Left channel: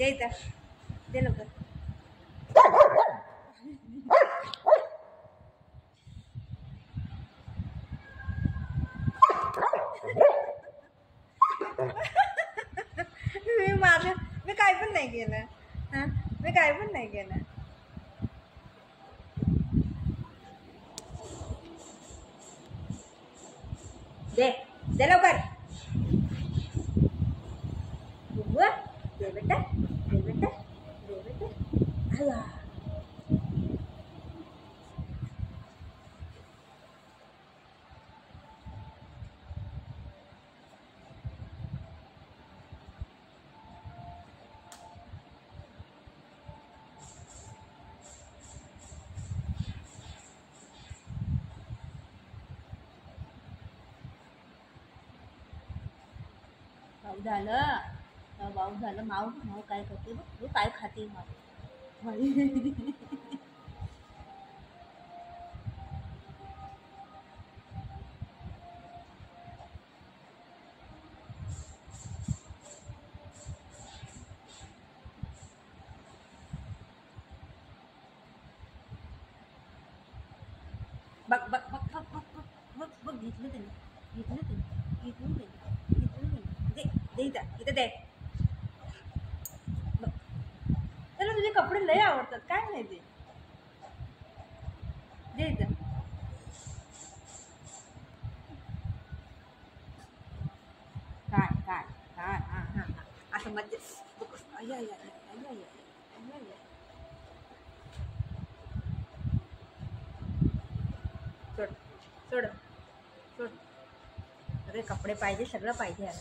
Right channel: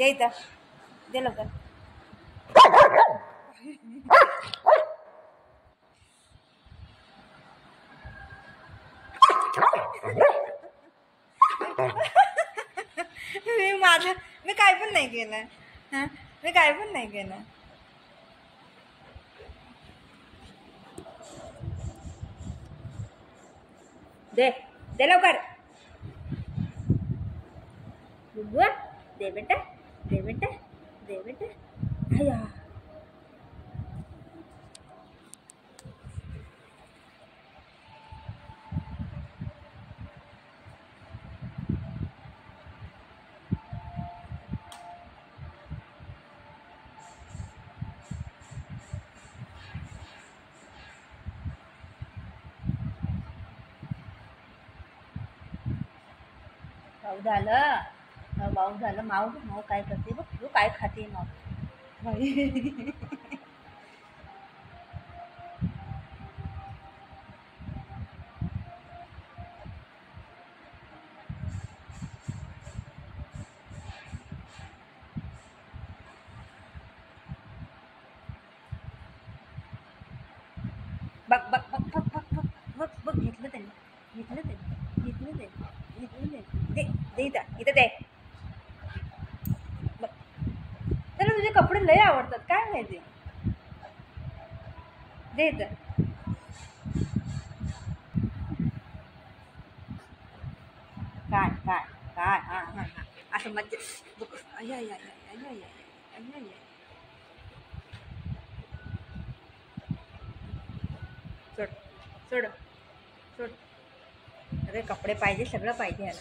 दे इथं, दे लवकर. मी काय पण नाही केलं. हां, मी काय पण नाही केलं. दे दे लवकर. बुबू दे बेटा, दे बेटा, दे बेटा. अय्या. भाऊ झालं, भाऊ झालं. माऊ काय करते बघ, तू काय खाते माऊ. बघ बघ बघ बघ बघ बघ बघ बघ, घेतलं त्यांनी, घेतलं त्यांनी, घेतलं त्यांनी, घेतलं त्यांनी. दे दे इथं दे. बघ, त्याला तुझे कपडे लय आवडतात, काय माहिती. दे इथं. काय काय काय. हां हां हां, असं मज्जा. बघ, अय्या अय्या अय्या अय्या अय्या अय्या. सोड सोड सोड. अरे कपडे पाहिजे, सगळं पाहिजे याला.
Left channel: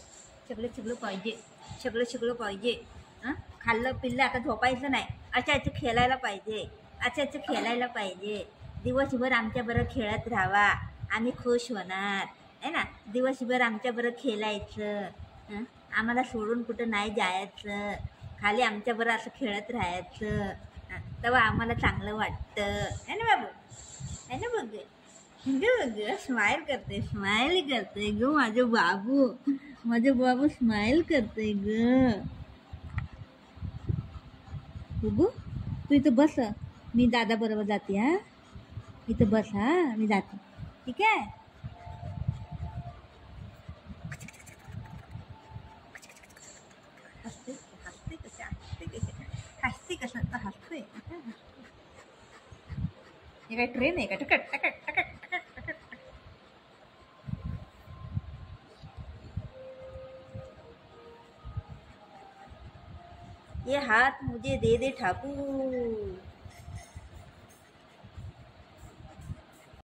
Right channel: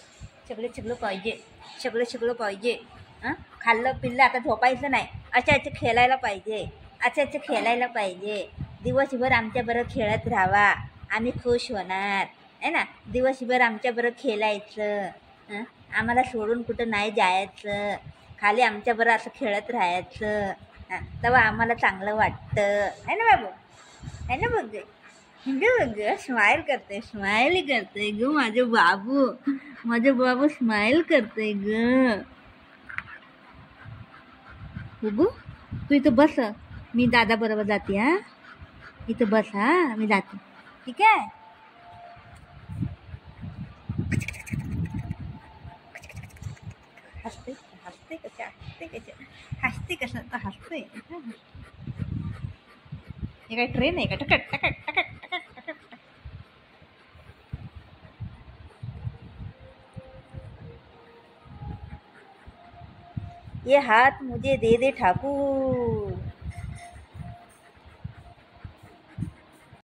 सगळं पाहिजे, सगळं पाहिजे. हां, खाल्लं पिल्लं आता झोपायचं नाही. अच्छा खेळायला पाहिजे, अच्छा खेळायला पाहिजे. दिवसभर आमच्याबरोबर खेळत राहावा, आम्ही खुश होणार आहे ना. दिवसभर आमच्याबरोबर खेळायचं. हं, आम्हाला सोडून कुठं नाही जायचं. खाली आमच्याबरोबर असं खेळत राहायचं. हां, तेव्हा आम्हाला चांगलं वाटतं आहे ना बाबू, आहे ना बघ. ग स्माइल करते, स्माइल करते ग माझे बाबू स्माइल करते ग. बघू, तू इथं बस, मी दादा बरोबर जाते. हा, इथं बस. हा, मी जाते, ठीक आहे. हसते हसते कशा, हसते कशा, हसते कसं तर हसते. हे काय ट्रेन आहे का? टकट टकट टकट टकट टकट. ये हाथ मुझे दे दे ठाकुर.